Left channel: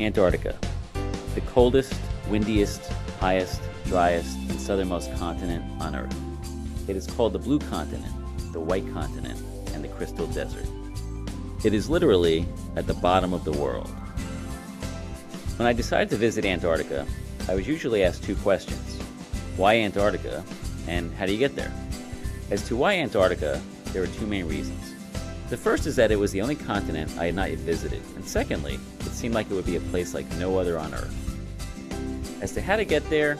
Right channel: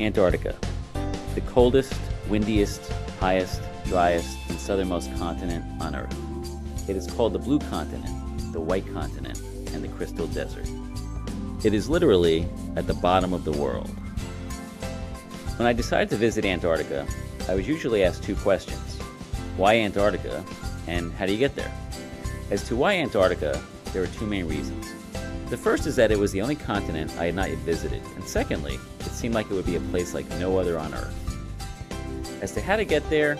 Antarctica, the coldest, windiest, highest, driest, and southernmost continent on Earth. It is called the Blue Continent, the White Continent, and the Crystal Desert. It is literally at the bottom of the world. When I decided to visit Antarctica, I was usually asked two questions. Why Antarctica, and how do you get there? As to why Antarctica, there are two main reasons. The first is that it was the only continent I had not yet visited, and secondly, it seemed like it would be a place like no other on Earth. As to how to get there,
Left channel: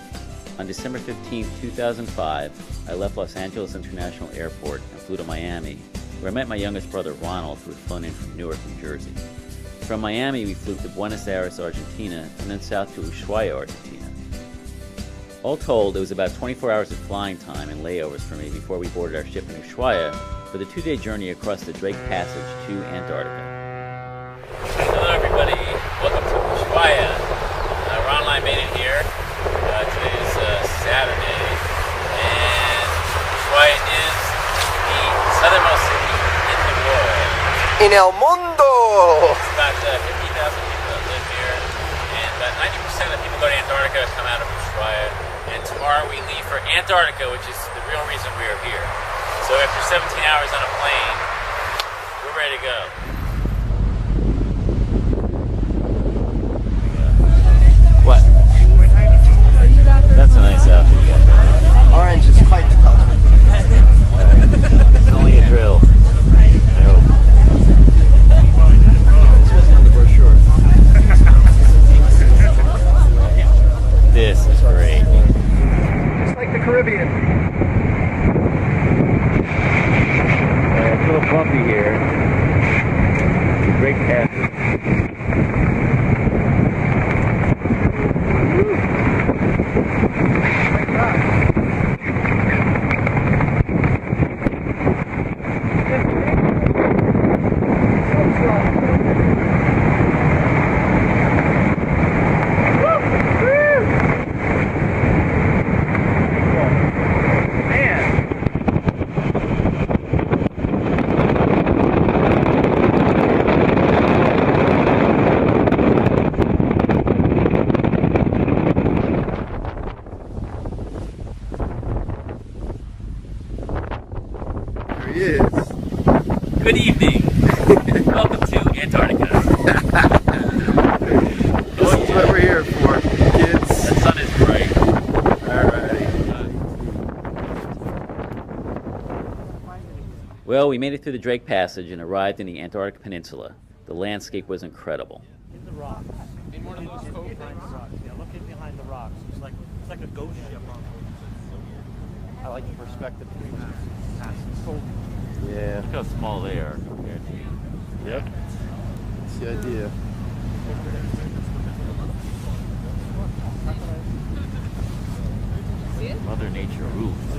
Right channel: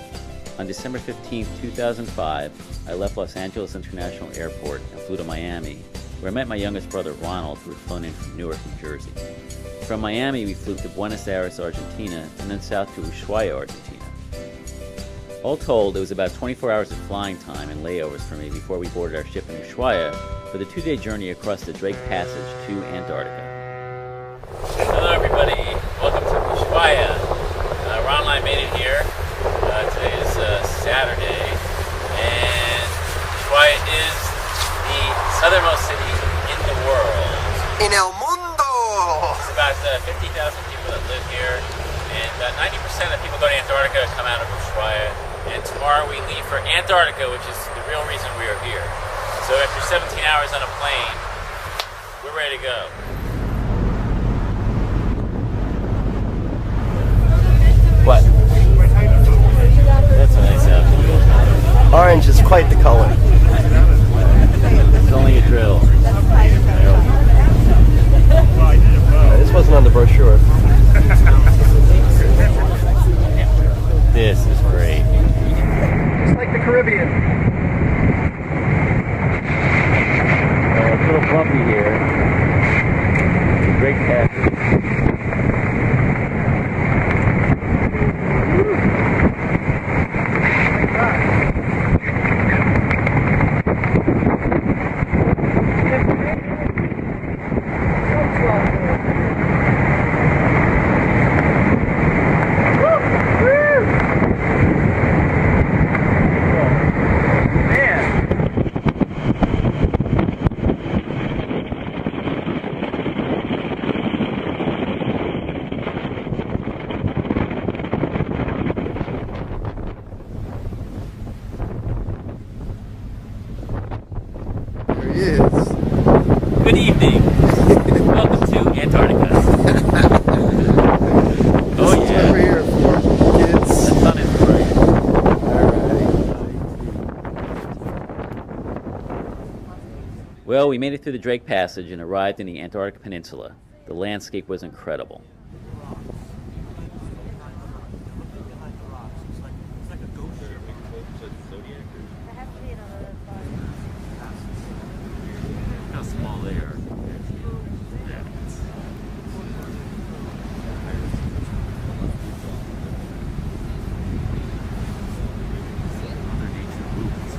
on December 15, 2005, I left Los Angeles International Airport and flew to Miami, where I met my youngest brother Ronald, who had flown in from Newark, New Jersey. From Miami, we flew to Buenos Aires, Argentina, and then south to Ushuaia, Argentina. All told, it was about 24 hours of flying time and layovers for me before we boarded our ship in Ushuaia for the 2-day journey across the Drake Passage to Antarctica. Hello everybody, welcome to Ushuaia. Ron and I made it here. Today is Saturday, and Ushuaia is the southernmost city in the world. En el mundo! It's about 50,000 people that live here, and about 90% of people go to Antarctica come out of Ushuaia. And tomorrow we leave for Antarctica, which is the real reason we are here. So after 17 hours on a plane, we're ready to go. What? That's what I said. Orange is quite the color. This wasn't on the brochure. This is great. Just like the Caribbean. It's a little bumpy here. It's a great passage. Good evening. Welcome to Antarctica. Oh yeah. That's what we're here for, kids. The sun is bright. Alright. Well, we made it through the Drake Passage and arrived in the Antarctic Peninsula. The landscape was incredible. I like the perspective. Yeah. Look how small they are. Yep. That's the idea. Mother Nature moves.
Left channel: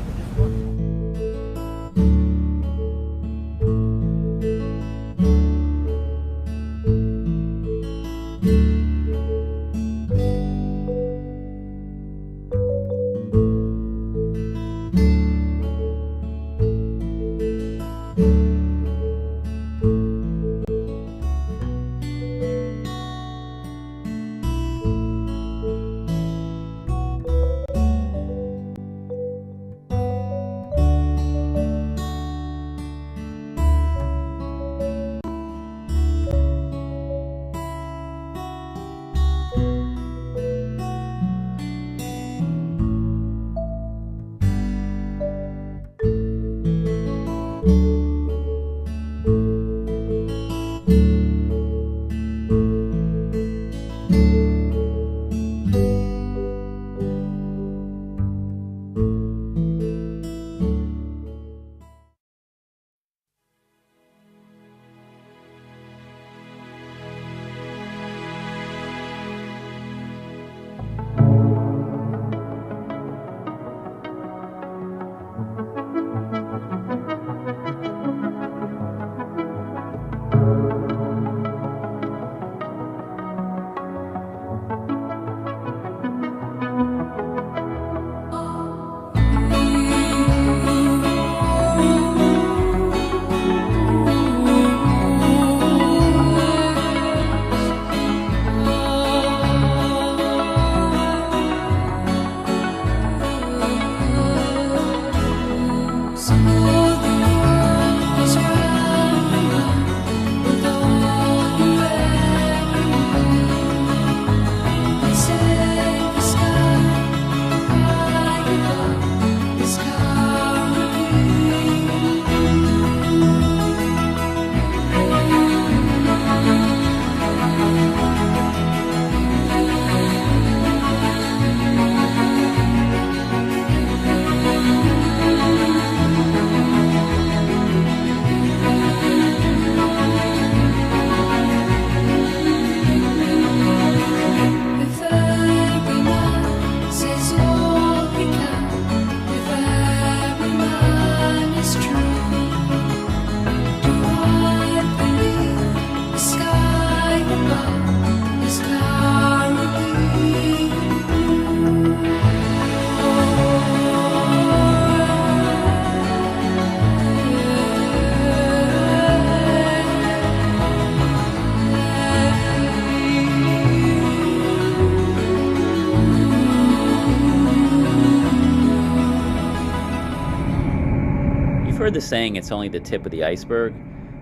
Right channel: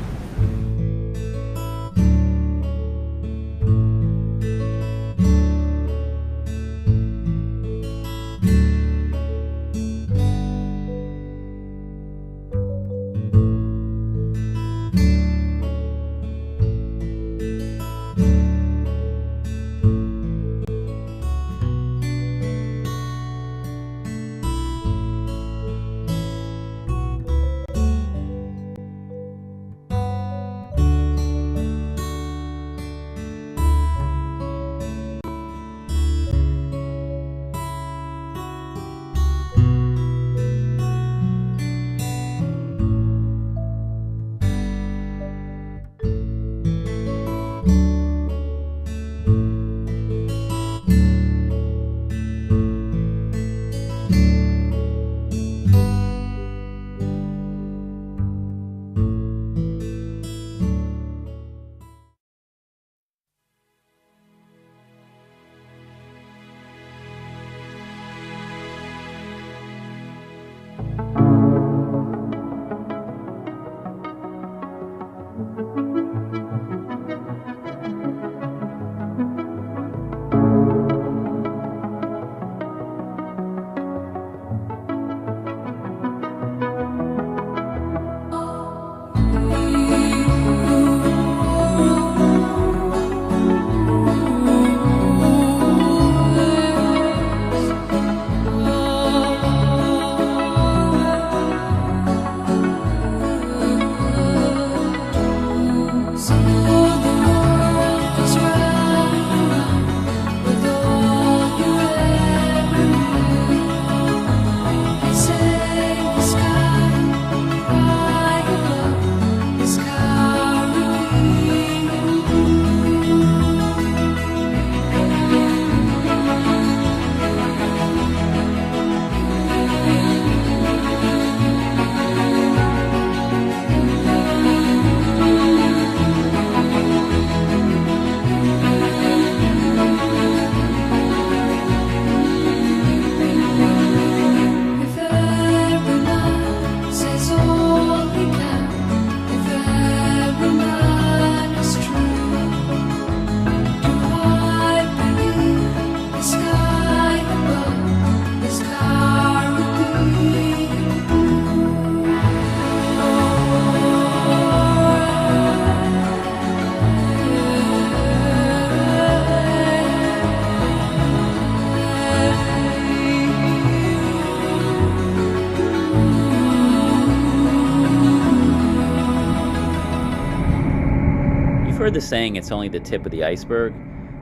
heard the saying, it's only the tip of the iceberg.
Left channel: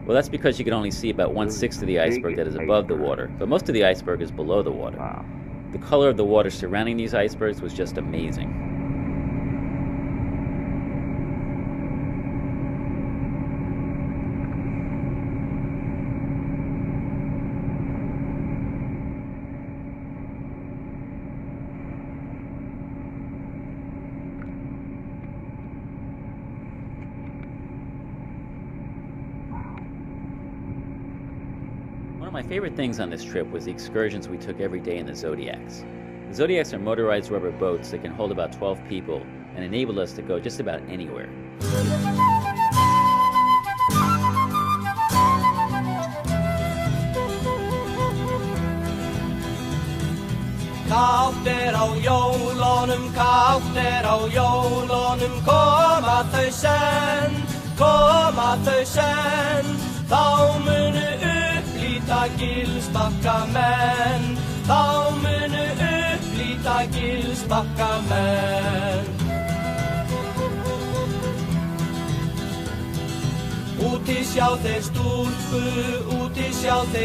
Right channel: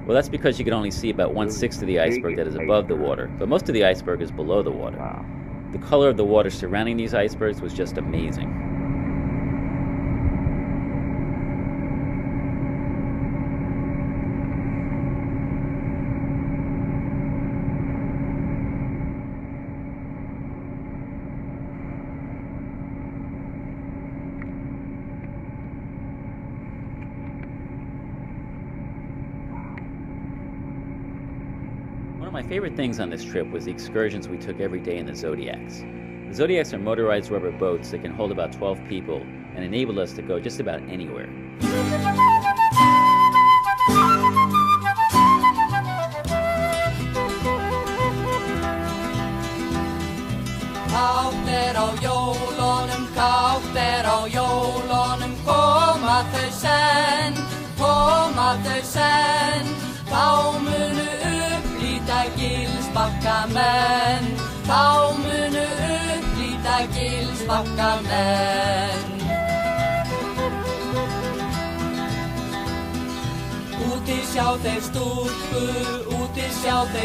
Well, that's because you can only see about 1/6 of the iceberg that is above the water, but most of the iceberg is below the water. Wow. The color of the water surrounding these icebergs was just amazing. One of my favorite things on this trip was the excursions we took every day in the Zodiacs. The Zodiacs are motorized rubber boats that can hold about 12 people and enabled us to go just about anywhere. Kátt á jólunum, kátt á jólunum, koma þau senn, þá munu upplýta Gilsbakka menn, þá munu upplýta Gilsbakka menn. Úti sjá þeir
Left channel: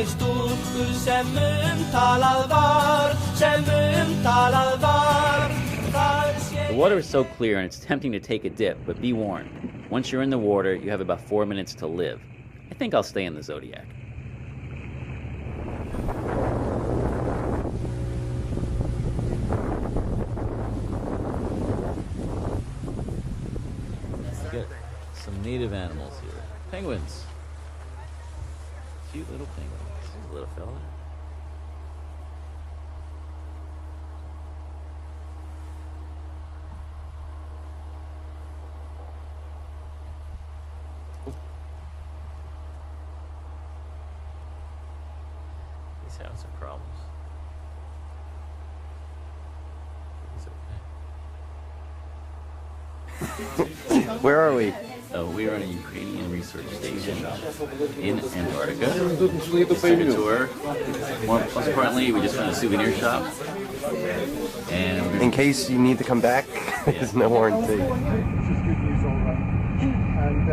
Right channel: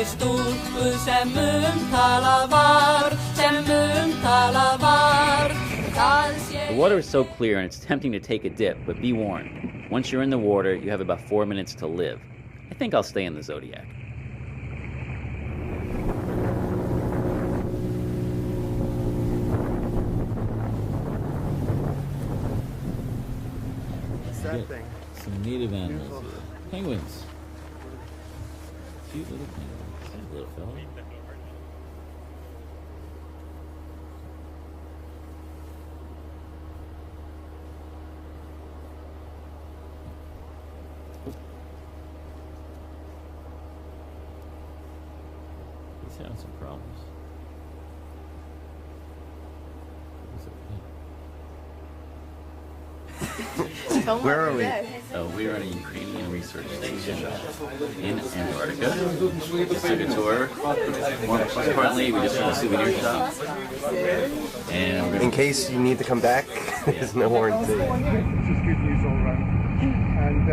stúlku, sem umtalað var. The water is so clear and it's tempting to take a dip, but be warned. Once you're in the water, you have about 4 minutes to live. I think I'll stay in the Zodiac. Some native animals. Penguins. Cute little penguins. Little fellow. He's having some problems. Where are we? We are on a Ukrainian research station in Antarctica. Just took a tour. Most importantly, we just went to a souvenir shop. And we're In going to... case you need to come back, there's no more food. This is good news all round. And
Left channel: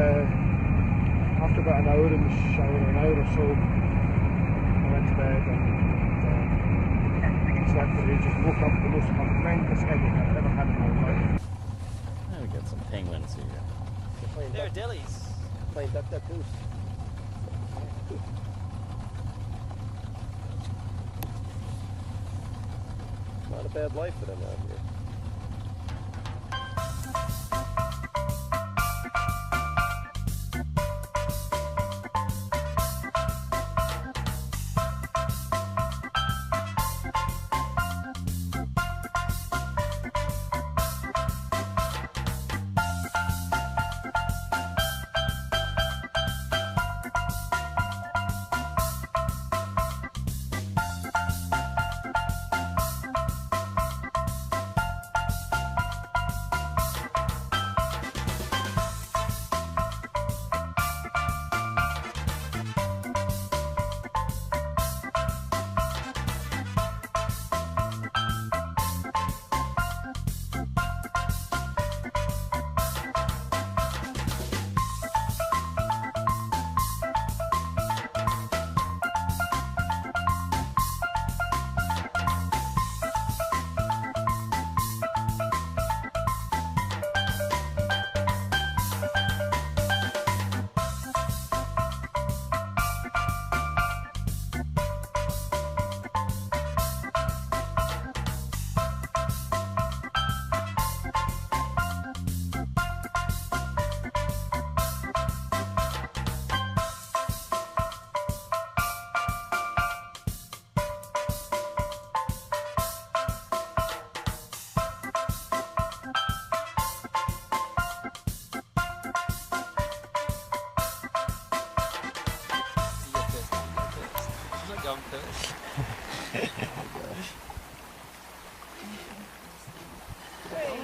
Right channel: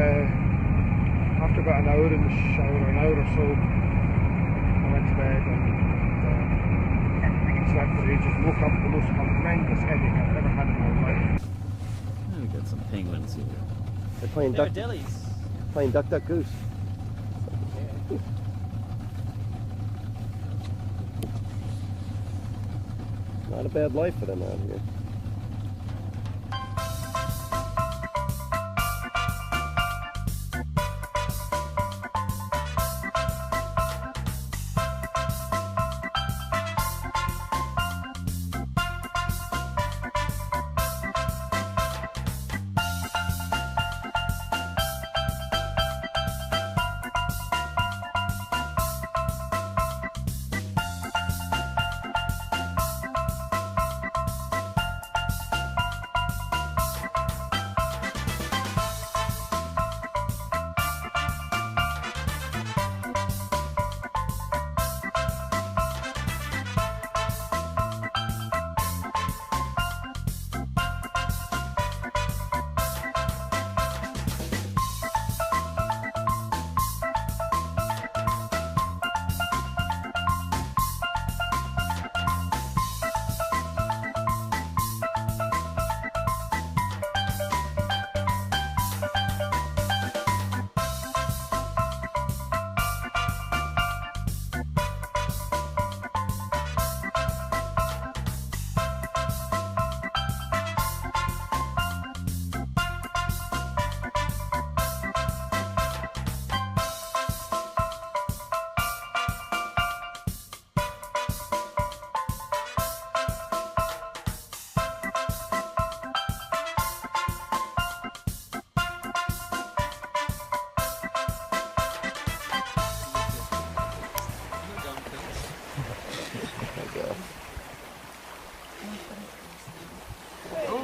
after about an hour in the shower, an hour or so, I went to bed and slept for ages. Woke up with the most horrendous headache I've ever had in my life. We got some penguins here. They're playing duck goose. Not a bad life for them out here.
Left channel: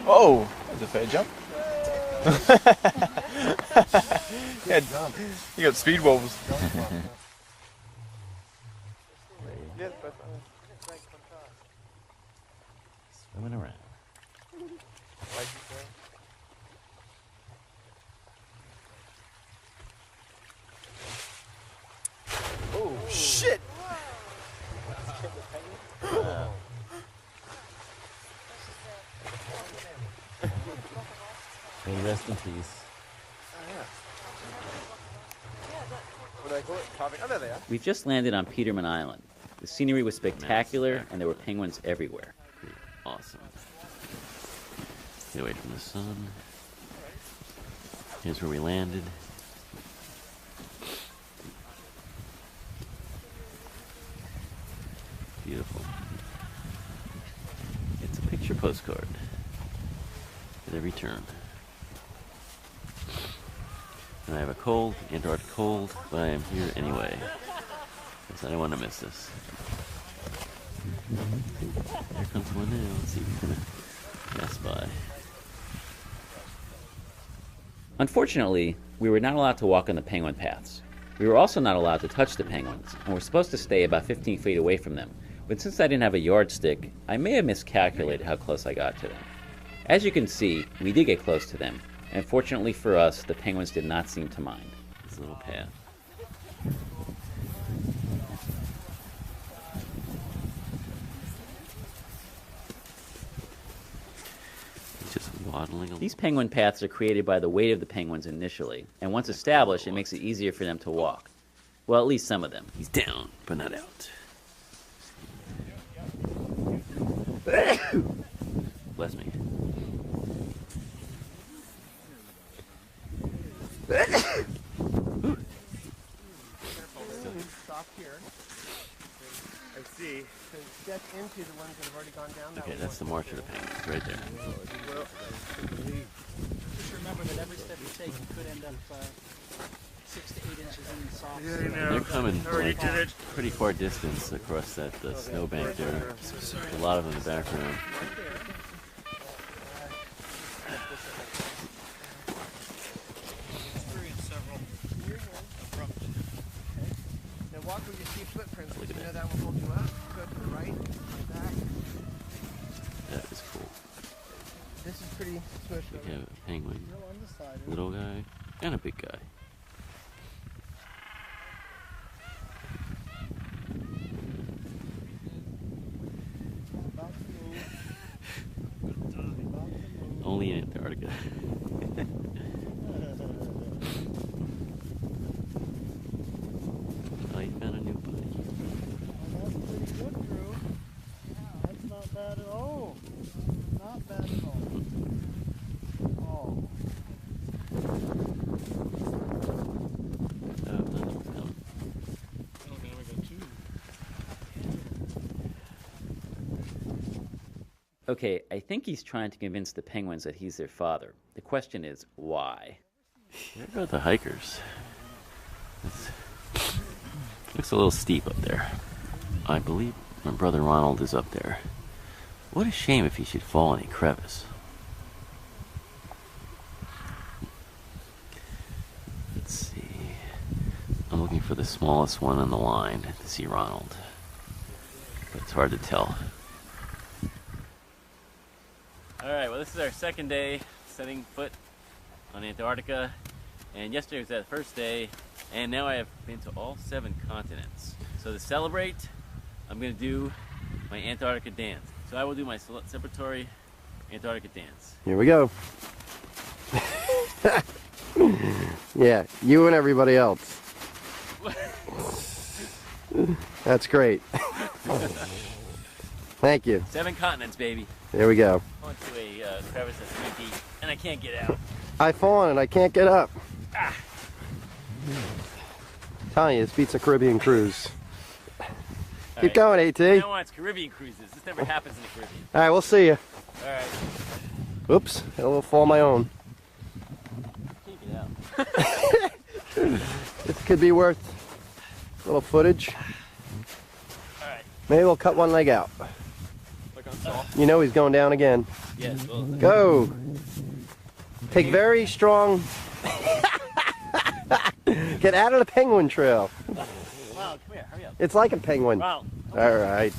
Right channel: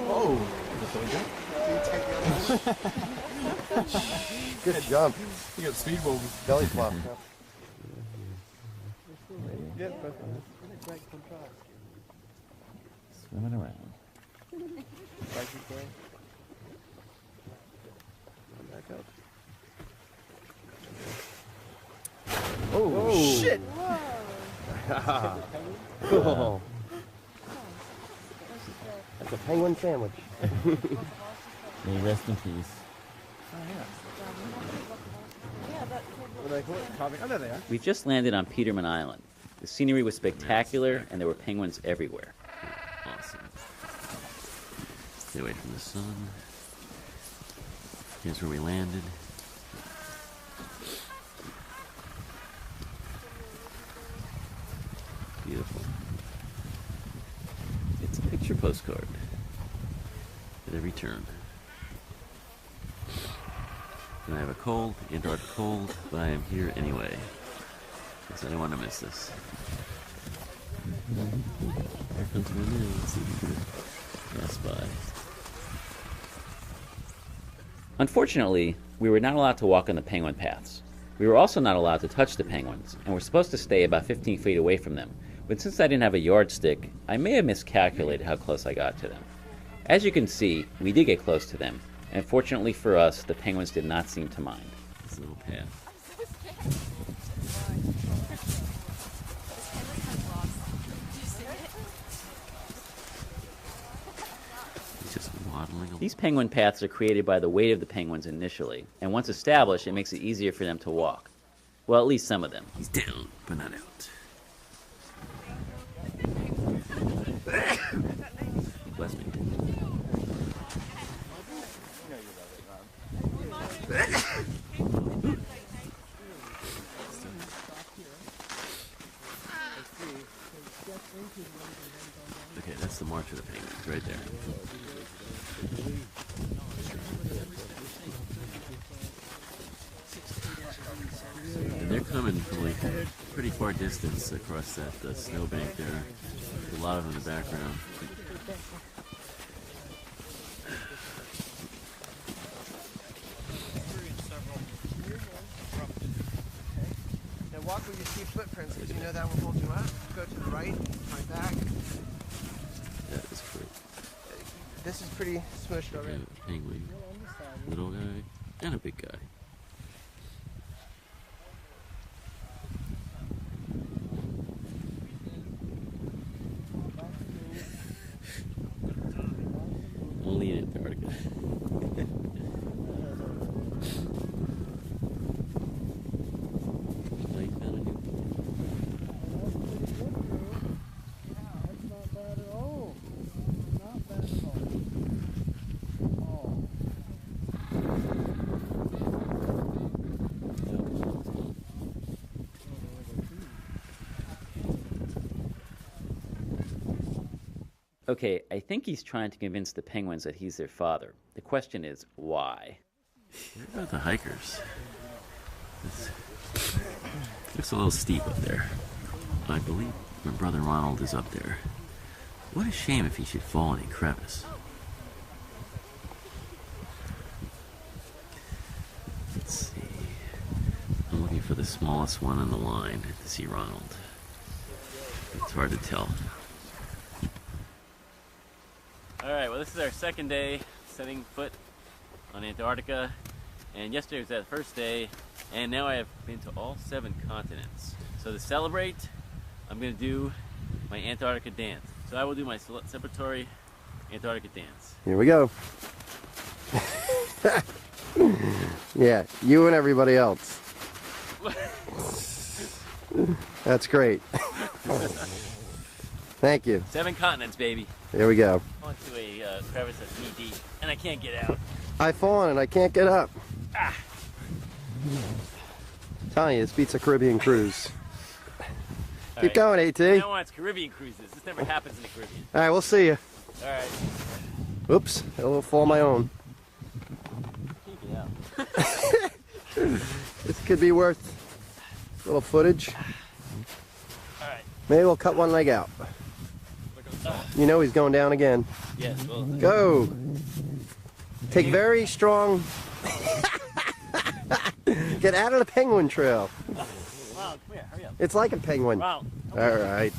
Whoa, that was a fair jump. Good jump. You got speed wobbles. Belly flop. Swimming around. Oh. That's a penguin sandwich. Rest in peace. We've just landed on Peterman Island. The scenery was spectacular, and there were penguins everywhere. Awesome. Stay away from the sun. Here's where we landed. Beautiful. It's a picture postcard for the return. And I have a cold, Antarctic cold, but I'm here anyway. Because I don't want to miss this. Here comes my mail. Let's see if we can pass by. Unfortunately, we were not allowed to walk on the penguin paths. We were also not allowed to touch the penguins, and were supposed to stay about 15 feet away from them. But since I didn't have a yardstick, I may have miscalculated how close I got to them. As you can see, we did get close to them, and fortunately for us, the penguins did not seem to mind. This little path. These penguin paths are created by the weight of the penguins initially, and once established, it makes it easier for them to walk. Well, at least some of them. He's down, but not out. Bless me. Stop here. I see. So step into the ones that have already gone down. Okay, that's the marker of the penguins, right there. Remember that every step you take could end up 6 to 8 inches in the soft. And they're coming from a pretty far distance across that snowbank there. There's a lot of them in the background. Now walk where you see footprints because you know that will hold you up. Go to the right, right back. That was cool. This is pretty smushed already. Okay, a penguin, little guy, and a big guy. Only in Antarctica. Oh, you found a new place. That's pretty good, Drew. That's not bad at all. Not bad at all. Oh. Okay, I think he's trying to convince the penguins that he's their father. The question is, why? What about the hikers? It's a little steep up there. I believe my brother Ronald is up there. What a shame if he should fall in a crevice. Let's see. I'm looking for the smallest one on the line. I can see Ronald. It's hard to tell. Alright, well this is our second day setting foot on Antarctica, and yesterday was that first day, and now I have been to all 7 continents. So to celebrate, I'm going to do my Antarctica dance. So I will do my celebratory Antarctica dance. Here we go. Yeah, you and everybody else. That's great. Thank you. 7 continents, baby. Here we go. Onto a crevice that's knee deep, and I can't get out. I've fallen. I can't get up. Ah! Telling you, this beats a Caribbean cruise. All Keep going, AT. Now on, it's Caribbean cruises. This never happens in the Caribbean. All right, we'll see you. All right. Oops, I will fall on my own. Can't get out. This could be worth a little footage. All right. Maybe we'll cut one leg out. You know he's going down again. Yes. Well. Whoa. Take very strong. Get out of the penguin trail. Ronald, come here. Hurry up. It's like a penguin. Ronald. All right.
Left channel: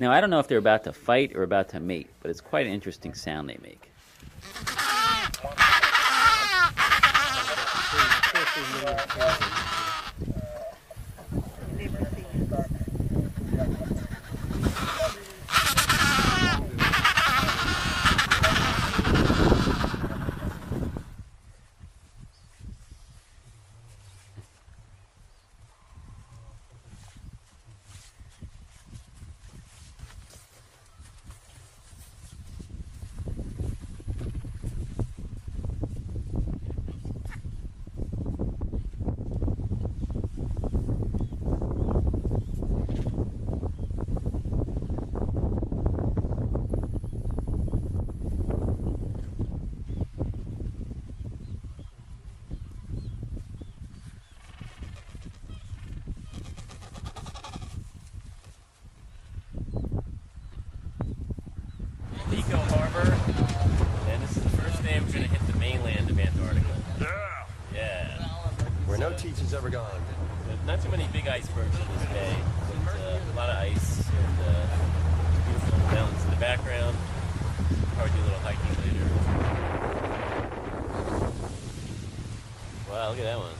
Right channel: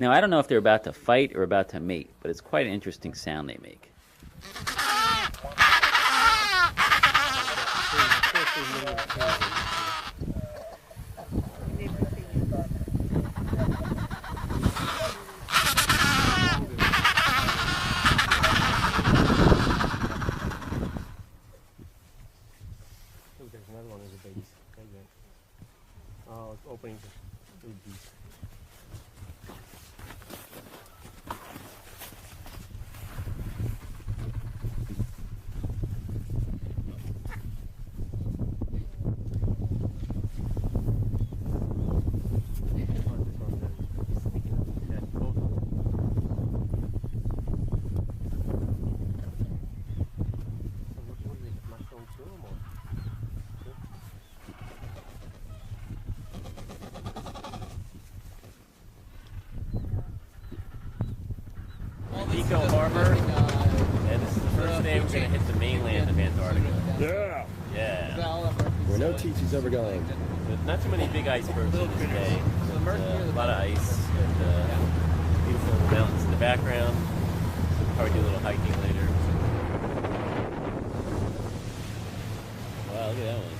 Now, I don't know if they're about to fight or about to mate, but it's quite an interesting sound they make. Nico Harbor, and this is the first day we're going to hit the mainland of Antarctica. Yeah. Where no teacher's ever gone. Not too many big icebergs in this bay, but a lot of ice and beautiful mountains in the background. So we'll probably do a little hiking later. Wow, that one.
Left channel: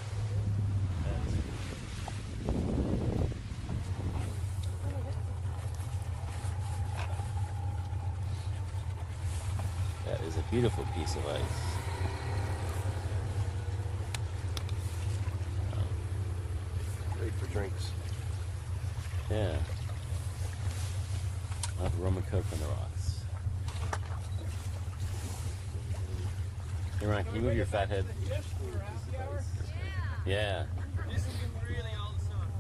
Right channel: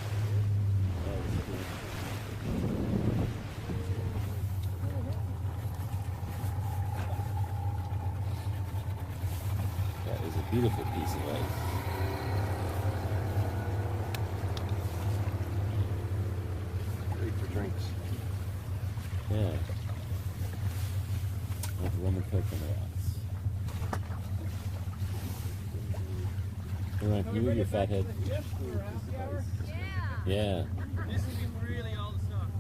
Beautiful piece of ice. Great for drinks. Yeah. Roman coconuts. Right, can you move your fat head? Yeah. This is really old stuff.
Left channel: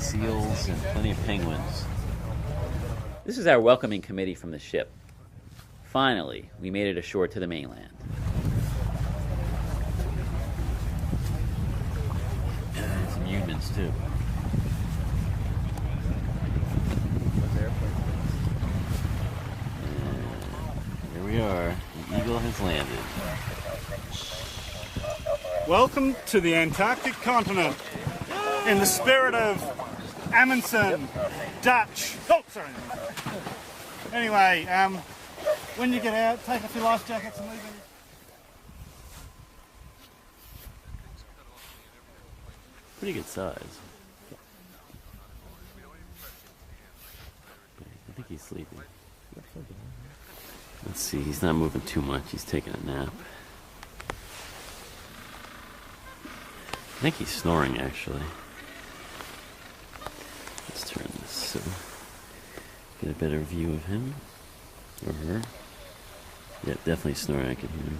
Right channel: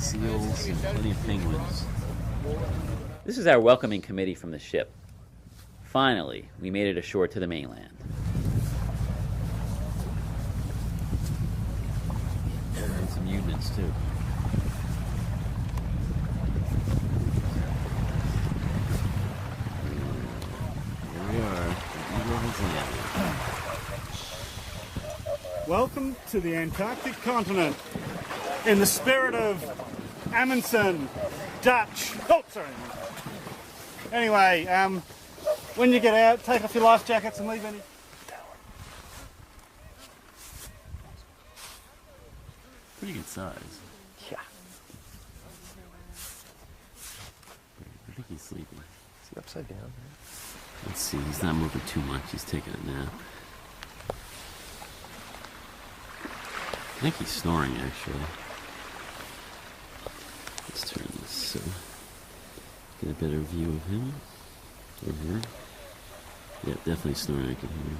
Seals and plenty of penguins. This is our welcoming committee from the ship. Finally, we made it ashore to the mainland. And some humans too. Here we are. The Eagle has landed. Welcome to the Antarctic continent. In the spirit of Amundsen, Dutch. Oh, sorry. Anyway, when you get out, take off your life jackets and leave any. Pretty good size. Yeah. I think he's sleeping. Is he upside down? Let's see, he's not moving too much. He's taking a nap. I think he's snoring, actually. Let's turn this so get a better view of him or her. Yeah, definitely snoring. I can hear him.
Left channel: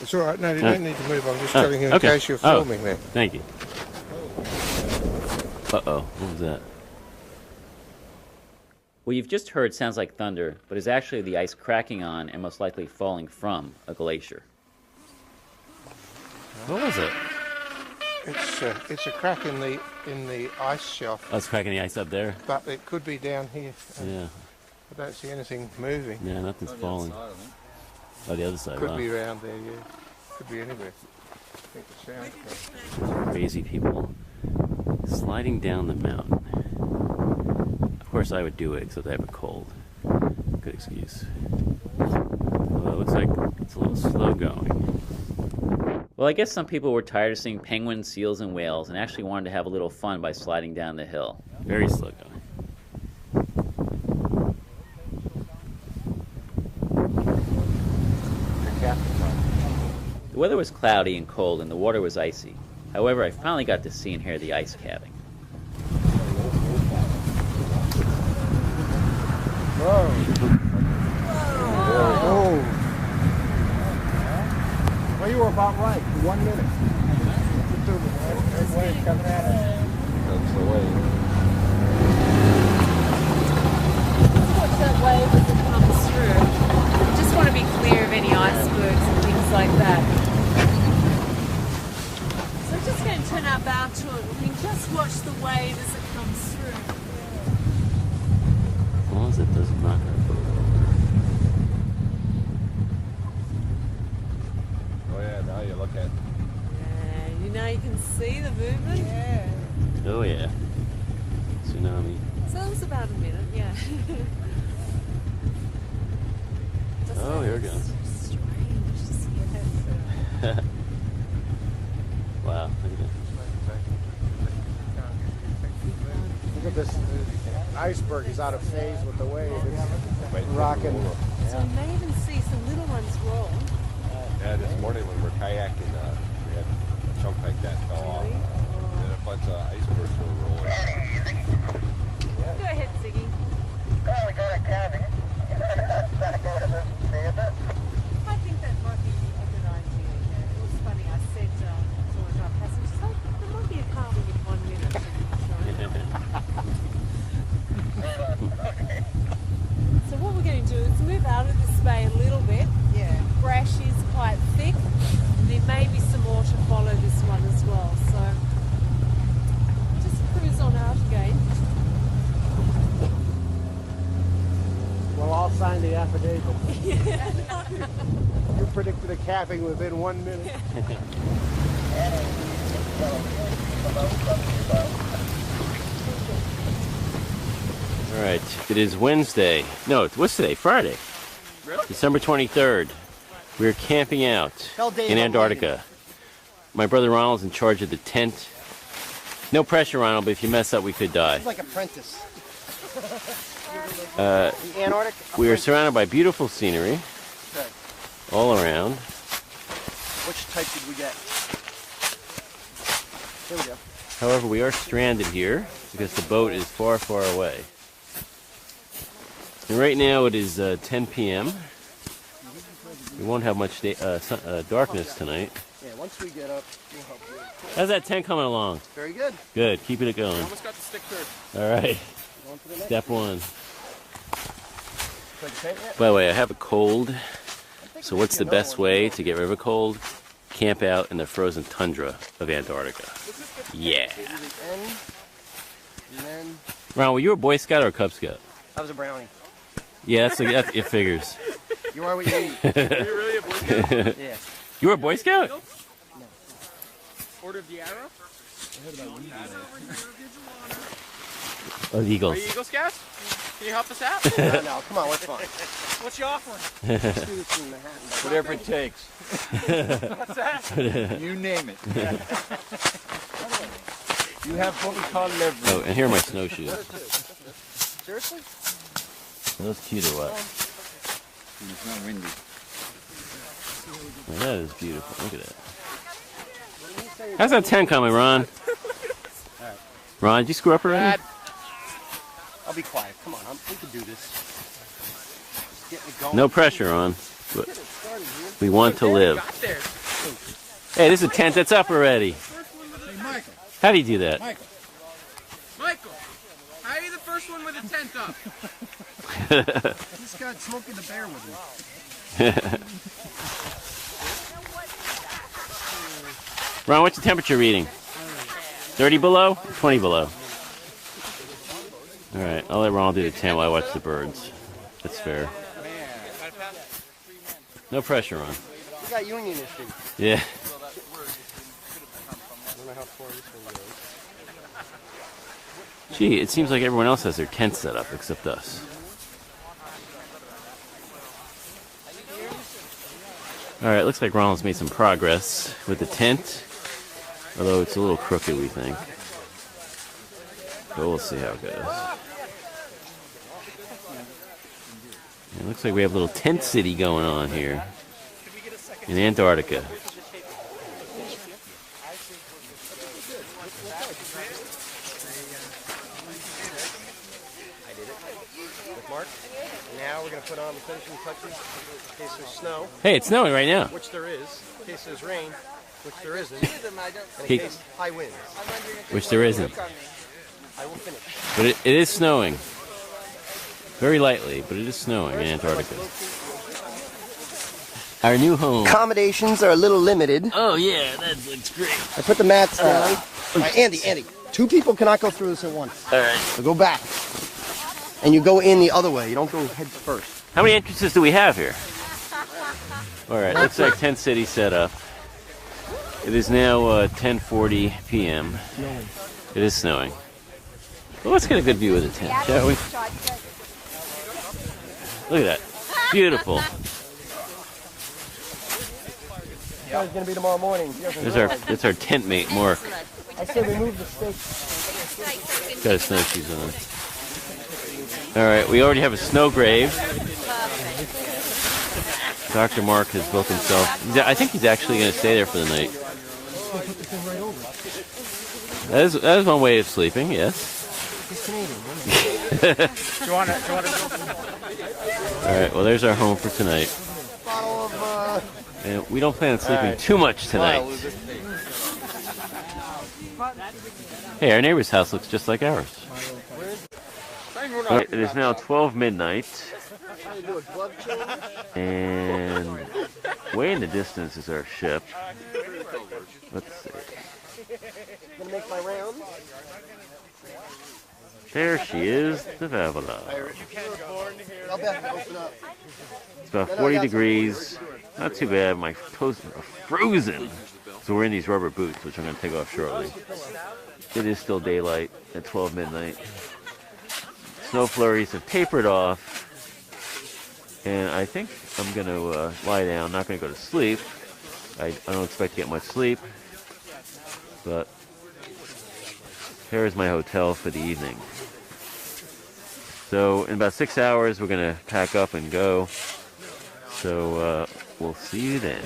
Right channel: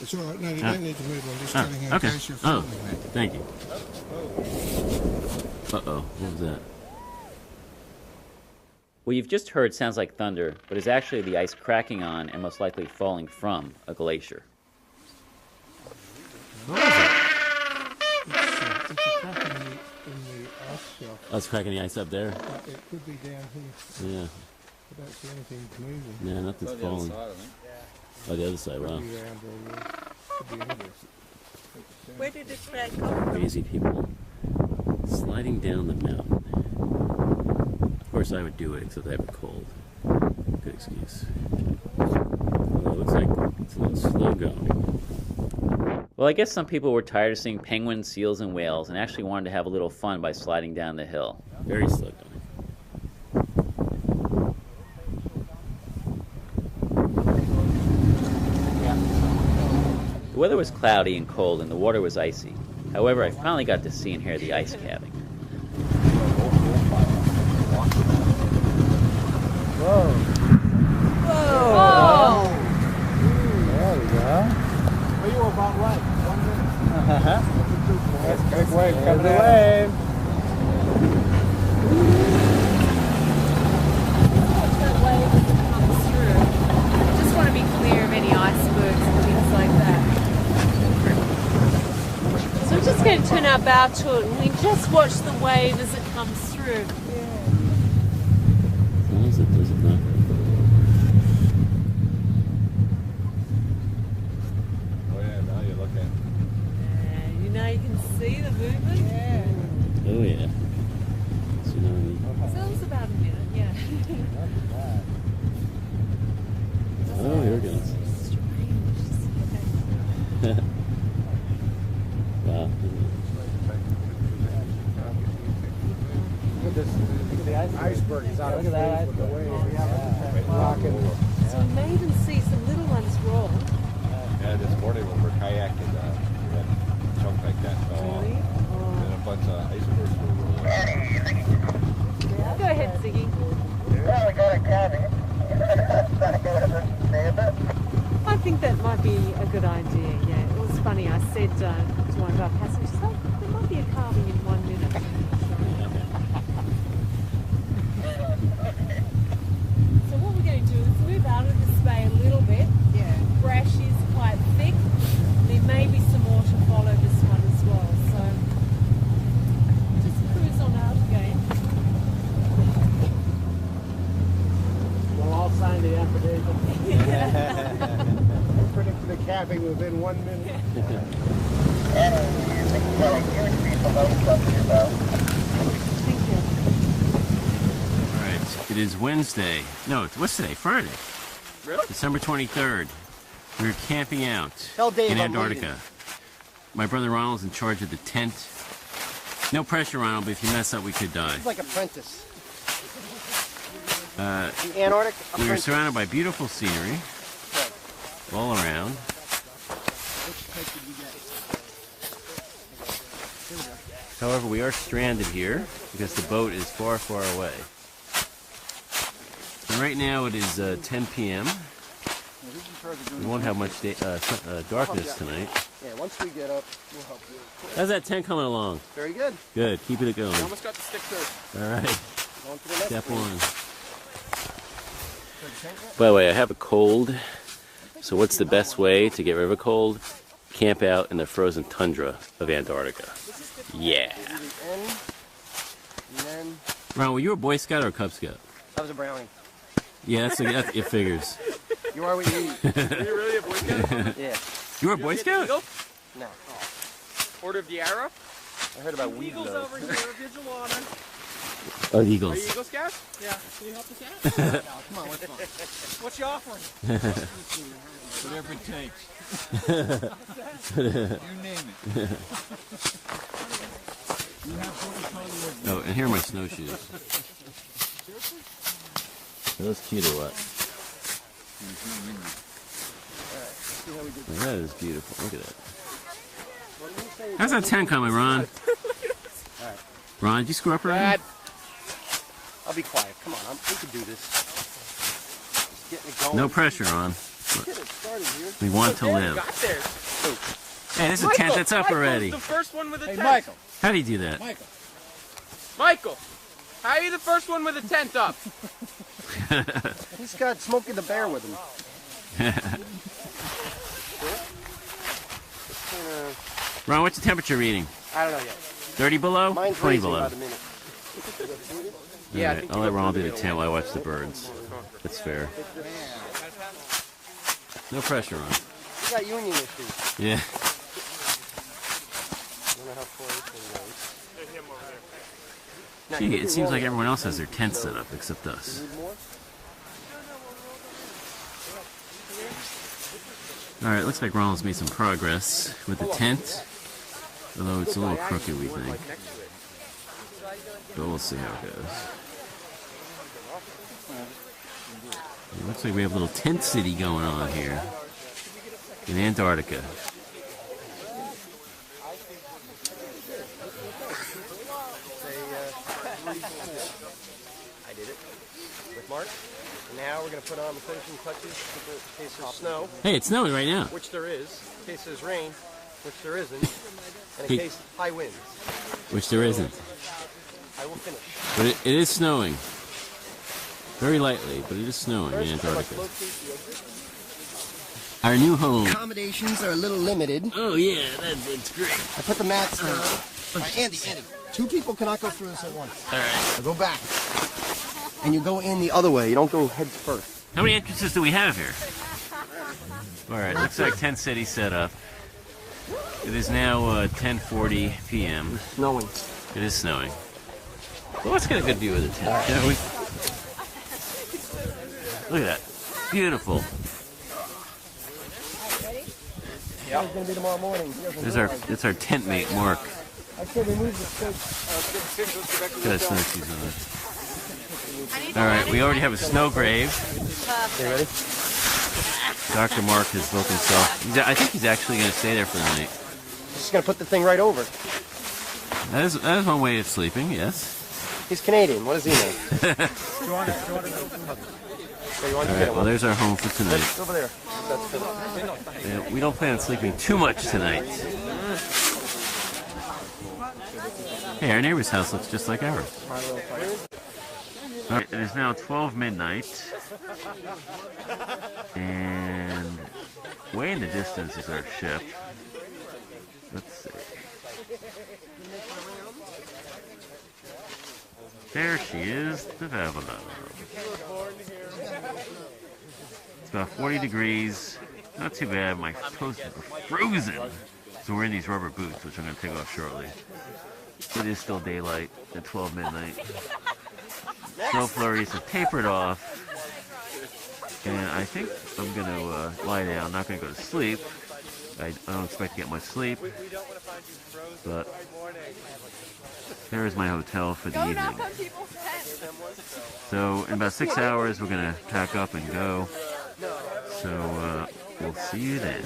It's all right. No, you don't need to move. I'm just Oh, telling you in okay. case you're Oh, filming there. Thank you. Uh-oh, what was that? What you've just heard sounds like thunder, but is actually the ice cracking on and most likely falling from a glacier. What is it? It's a crack in the ice shelf, Oh, it's cracking the ice up there? but it could be down here. Yeah. I don't see anything moving. Yeah, nothing's falling. Oh, the other side, Could wow. be around there, yeah. Could be anywhere. I think it's down. Crazy people sliding down the mountain. Of course I would do it, except I have a cold. Good excuse. Well, it looks like it's a little slow going. Well, I guess some people were tired of seeing penguins, seals, and whales and actually wanted to have a little fun by sliding down the hill. Very slow going. The weather was cloudy and cold and the water was icy. However, I finally got to see and hear the ice calving. Whoa. Oh. There we go. Well, you were about right. 1 minute. There's the wave. Watch that wave as it comes through. Just want to be clear of any icebergs and things like that. So we're just going to turn our bow to it and we just watch the wave as it comes through. As long as it does not have Oh yeah. Tsunami. Oh, here it goes. Wow. The iceberg. Yeah, look at that iceberg. Yeah. I think that might be a good idea, yeah. It was funny, I said to my guy, I said, "Stop." So what we're going to do is move out of this bay a little bit. Brush is quite thick. There may be some water follow this one as well, so just cruise on out again. We'll all sign it up. We predicted the capping within 1 minute. Alright, it is Wednesday. No, what's today? Friday. Really? December 23rd. We're camping out Tell Dave in I'm Antarctica. leaving. My brother Ronald's in charge of the tent. No pressure, Ronald, but if you mess up, we could die. It's like Apprentice. Uh, The Antarctic we were Apprentice. surrounded by beautiful scenery Good. all around. Which type did we get? There we go. However, we are stranded here because the boat is far, far away. And right now it is 10 p.m. We won't have much darkness tonight. Yeah, once we get up, we'll help you. How's that tent coming along? Very good. Good. Keeping it going. We almost got the stick third. All right. Going to the next Step one. one. By the way, I have a cold. So what's the best way to get rid of a cold? Camp out in the frozen tundra of Antarctica. Yeah. Give you the end, and then Ron, were you a Boy Scout or a Cub Scout? that was a brownie. Yeah, it figures. You are what you eat. Were you really a Boy Scout? Yeah. You were a Boy Scout? Eagle? No. Order of the Arrow? I heard about weed though. Oh, Are Eagles. you Eagle Scouts? Yeah. Can you help us out? No, come on, what's fun? What's your offering? Whatever it takes. What's that? You name it. You have what we call leverage. Oh, and here are my snowshoes. Seriously? Are those cute or what? It's not windy. Oh, that is beautiful. Look at that. How's that tent coming, Ron? Alright. Ron, did you screw up already? Dad. I'll be quiet. Come on, we can do this. Just getting it going. No pressure, Ron. Get it started here. We want to There, you live. got there. Hey, this is a tent that's up already. The first one with a Hey, tent. Michael. How do you do that? Michael. Michael, how are you the first one with a tent up? He's got Smokey the Bear with him. Ron, what's the temperature reading? I don't know yet. 30 below? Mine's 20 raisin below. about a minute. All right, I'll let Ronald do the tent while I watch the birds. That's fair. No pressure, Ron. We got union issues. Yeah. I don't know how far this one goes. Gee, it seems like everyone else has their tent set up except us. All right, looks like Ronald's made some progress with the tent, although it's a little crooked, we think. But we'll see how it goes. It looks like we have a little tent city going on here in Antarctica. now we're going to put on the finishing touches in case there's snow, Hey, it's snowing right now. which there is, in case there's rain, which there isn't, and in Hey. case high winds. Which there isn't. I will finish. But it is snowing. Very lightly, but it is snowing in First, I must Antarctica. locate Our new home. accommodations are a little limited. Oh, yeah, that's great. I put the mats down. Andy, 2 people cannot go through this at once. All right. Go back. And you go in the other way. You don't go heads first. How many entrances do we have here? All right, looks like Tent City set up. It is now 10:40 p.m. Snowing. It is snowing. Well, let's get a good view of the town, shall we? Look at that. Beautiful. Yeah. It's going to be tomorrow morning. It's our tent mate, Mark. I say remove the steak. Sorry, snowshoes in there. All right, we already have a snow grave. Dr. Mark has booked himself. I think he's actually going to stay there for the night. Just going to put the thing right over. That is one way of sleeping, yes. He's Canadian. What does he know? Do you want to All right, well, there's our home for tonight. Over there. We don't plan on sleeping too much tonight. Hey, our neighbor's house looks just like ours. It is now 12 midnight. And way in the distance is our ship. Let's see. There she is, the Vavilov. It's about 40 degrees. Not too bad. My clothes are frozen. So we're in these rubber boots, which I'm going to take off shortly. It is still daylight at 12 midnight. Snow flurries have tapered off. And I think I'm going to lie down. I'm not going to go to sleep. I don't expect to get much sleep. But here's my hotel for the evening. So in about 6 hours, we're going to pack up and go. So we'll see you then.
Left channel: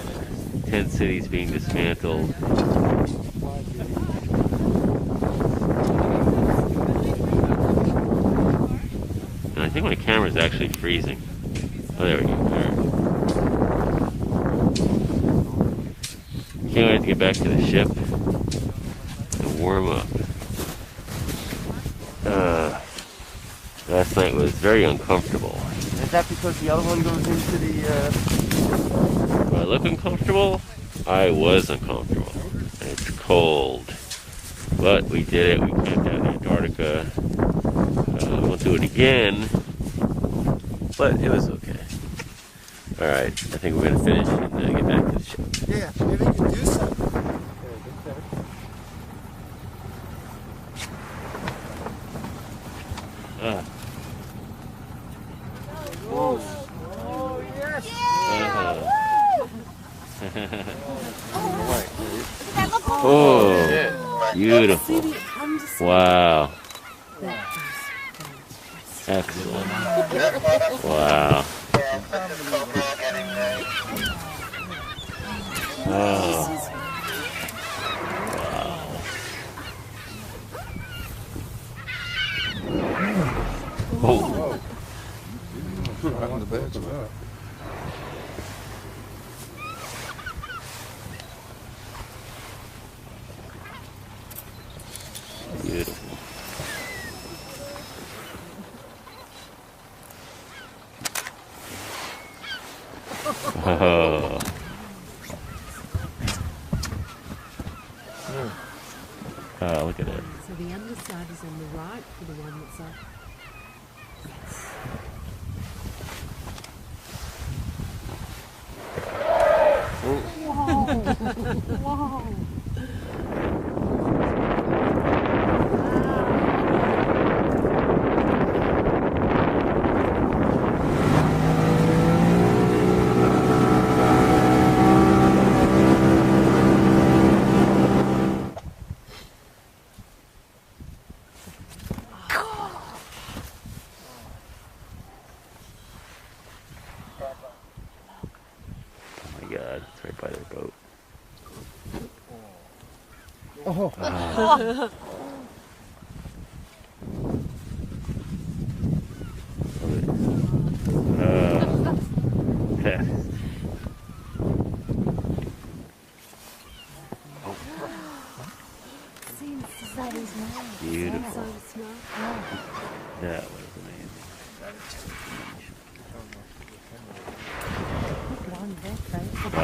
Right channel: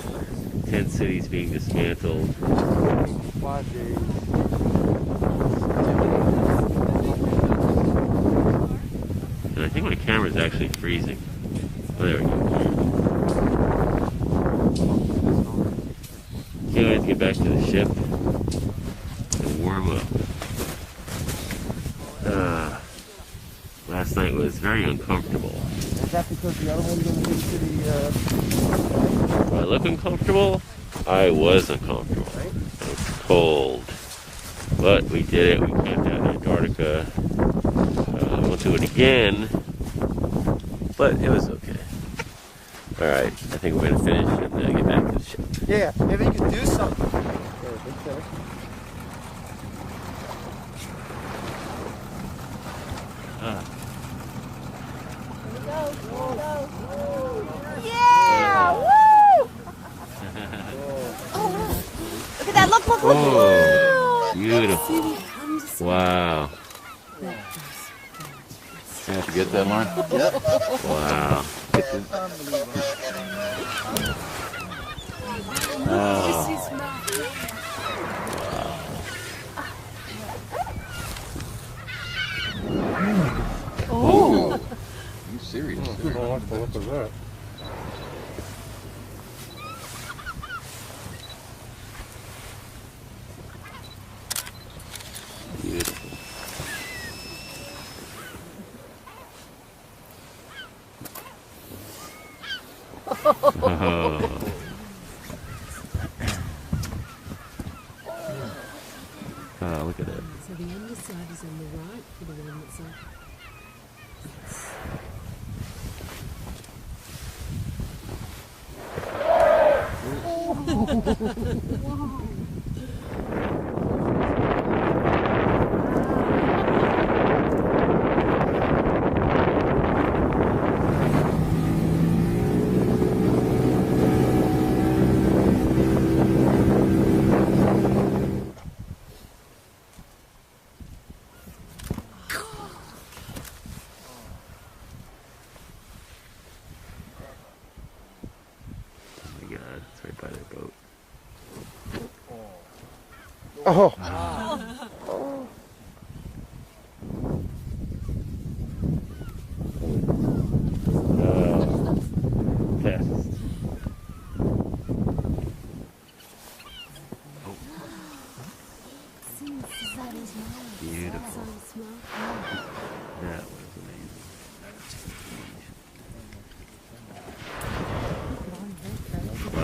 Tent City's being dismantled. 5 days. And I think my camera's actually freezing. Oh, there we go. All right. Now I have to get back to the ship and warm up. Last night was very uncomfortable. Is that because the other one goes into the... Do I look uncomfortable? I was uncomfortable. And it's cold. But we did it. We camped out in Antarctica. I won't do it again. But it was okay. Alright, I think we're going to finish and get back to the ship. Yeah, maybe you can do something. Big finish. Yeah. Oh, yes. Yeah! Woo! Look at that, look, look, look. Oh, beautiful. Wow. That's Get that, Mom? wow. Wow. Oh. You serious? Beautiful. Oh. Oh, look at it. So the underside is on the right for the one that's up. Whoa. Oh.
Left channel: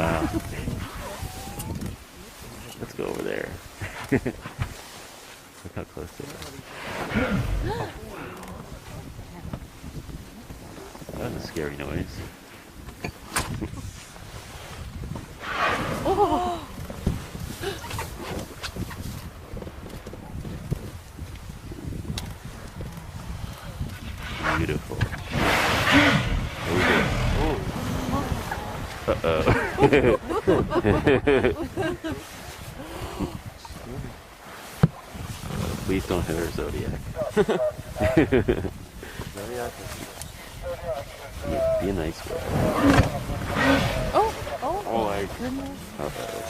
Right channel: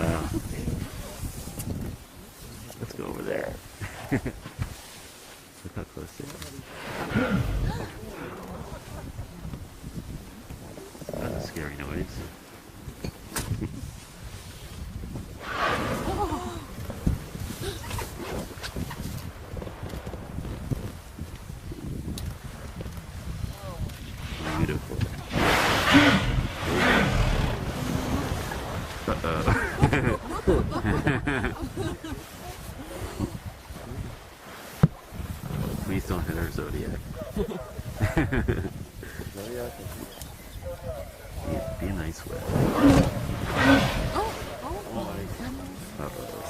Wow. Let's go over there. Look how close they are. That's good news. Beautiful. Uh-oh. Please don't hurt Zodiac. Zodiac You're nice guy. Oh my goodness. Uh-oh.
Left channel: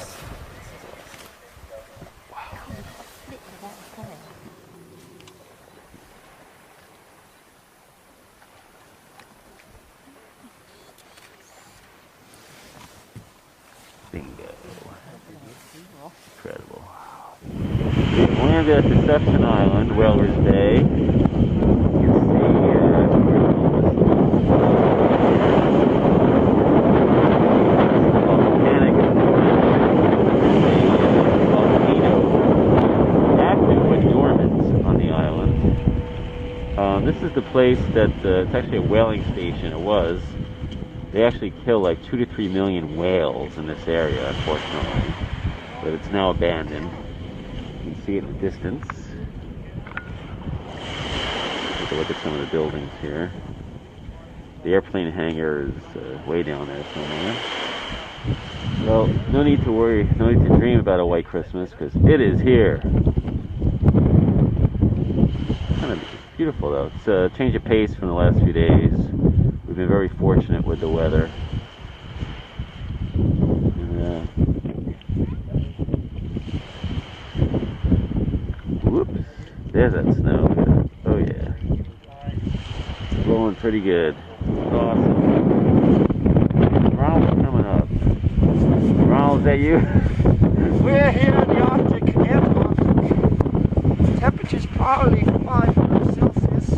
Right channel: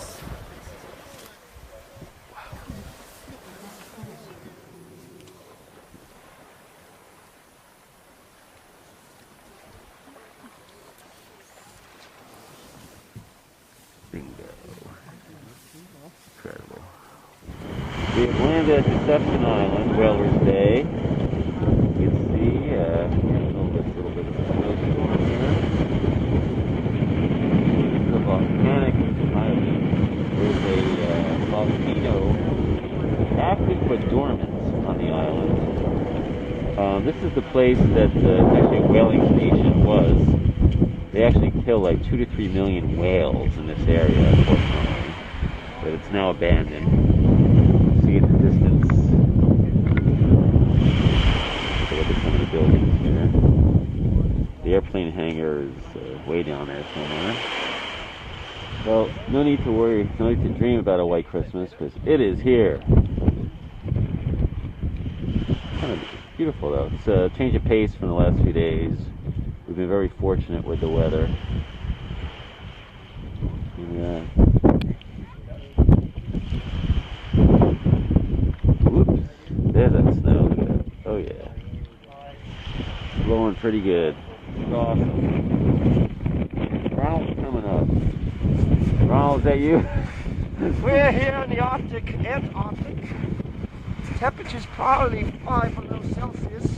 Bingo. Incredible. We've landed at Deception Island, Whalers Bay. You can see volcanic. There's a volcano active but dormant on the island. This is the place that it's actually a whaling station. It was. They actually kill like 2 to 3 million whales in this area, unfortunately. But it's now abandoned. See at the distance. Take a look at some of the buildings here. The airplane hangar is way down there somewhere. Well, no need to worry, no need to dream about a white Christmas, because it is here. Kind of beautiful though. It's a change of pace from the last few days. We've been very fortunate with the weather. And, whoops, there's that snow. Oh yeah. It's blowing pretty good. It's awesome. Ronald's coming up. Ronald, is that you? We're here in the Arctic, Antarctic. Temperature's probably 500 Celsius.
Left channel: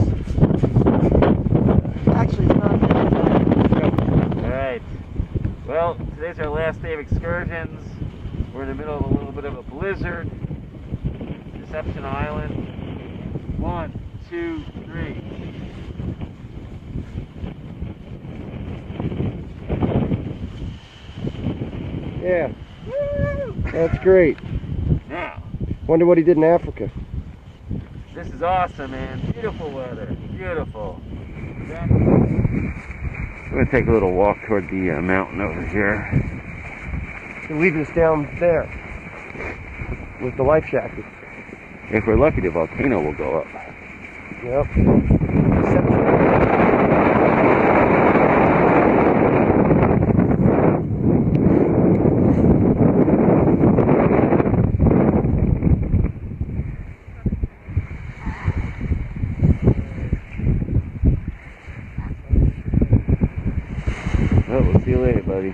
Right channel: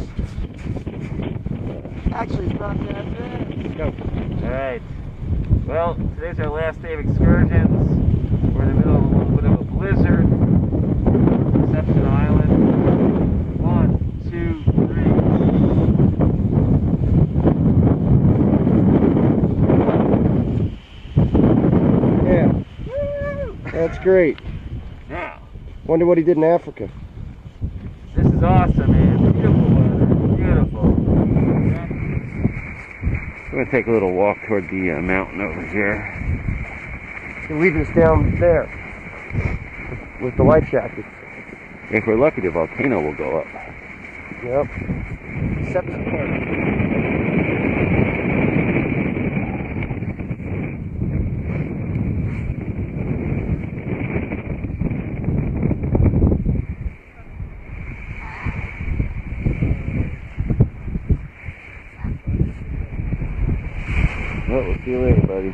Actually, it's not that bad. Alright. Well, today's our last day of excursions. We're in the middle of a little bit of a blizzard. Deception Island. 1, 2, 3. Yeah. That's great. Now, Wonder what he did in Africa. this is awesome, man. Beautiful weather. Beautiful. We're going to take a little walk toward the mountain over here. He'll leave us down there with the life jacket. If we're lucky, the volcano will go up. Yep. Well, we'll see you later, buddy.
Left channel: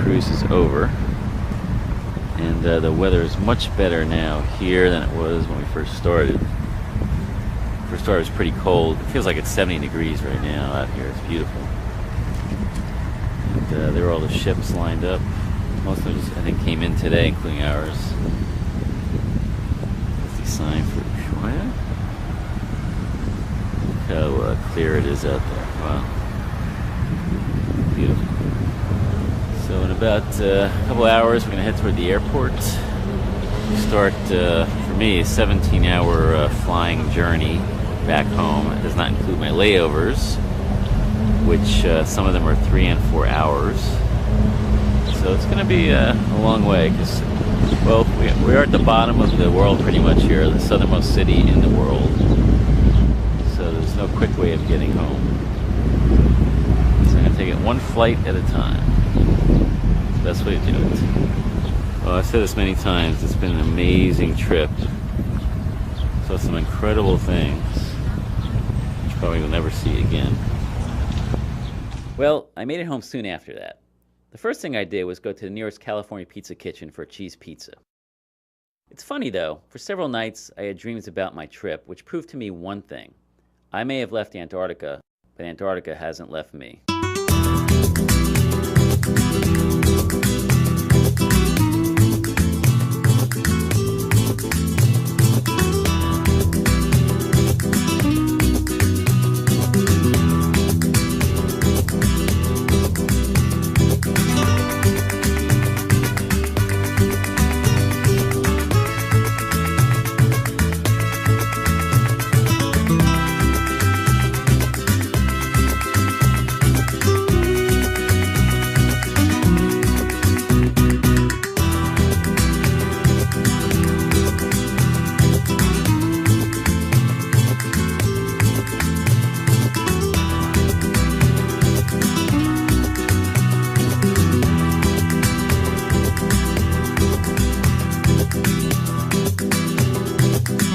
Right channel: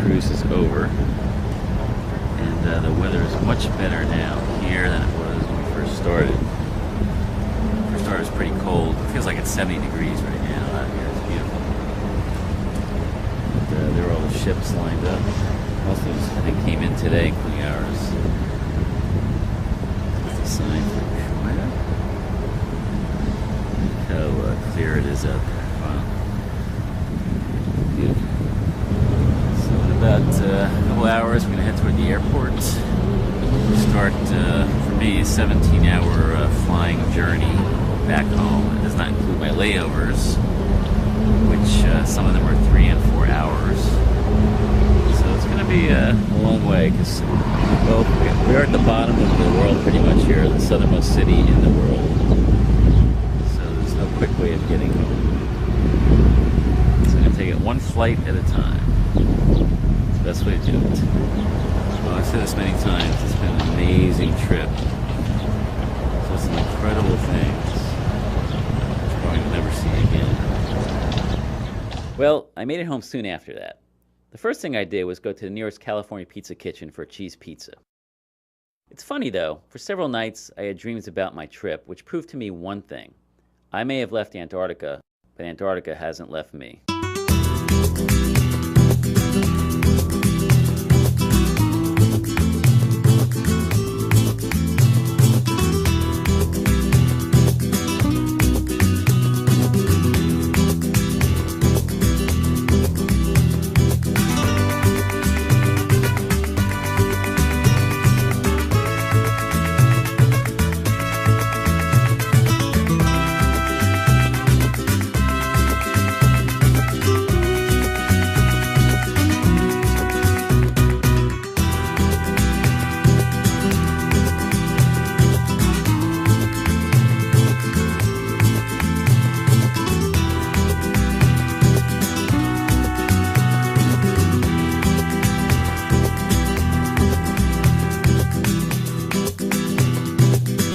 Cruise is over, and the weather is much better now here than it was when we first started. First started was pretty cold. It feels like it's 70 degrees right now. It's beautiful. And there were all the ships lined up. Most of them, I think, came in today, including ours. It's the sign for China. Look how clear it is out there. Wow. Beautiful. About a couple hours, we're going to head toward the airport. We'll start, for me, a 17-hour flying journey back home. It does not include my layovers, which some of them are 3 and 4 hours. So it's going to be a long way, because we're at the bottom of the world pretty much here, the southernmost city in the world. So there's no quick way of getting home. So I'm going to take it one flight at a time. That's what it is. Well, I've said this many times, it's been an amazing trip. So That's an incredible thing. Which probably will never see again. Well, I made it home soon after that. The first thing I did was go to the nearest California Pizza Kitchen for a cheese pizza. It's funny though, for several nights I had dreams about my trip, which proved to me one thing. I may have left Antarctica, but Antarctica hasn't left me.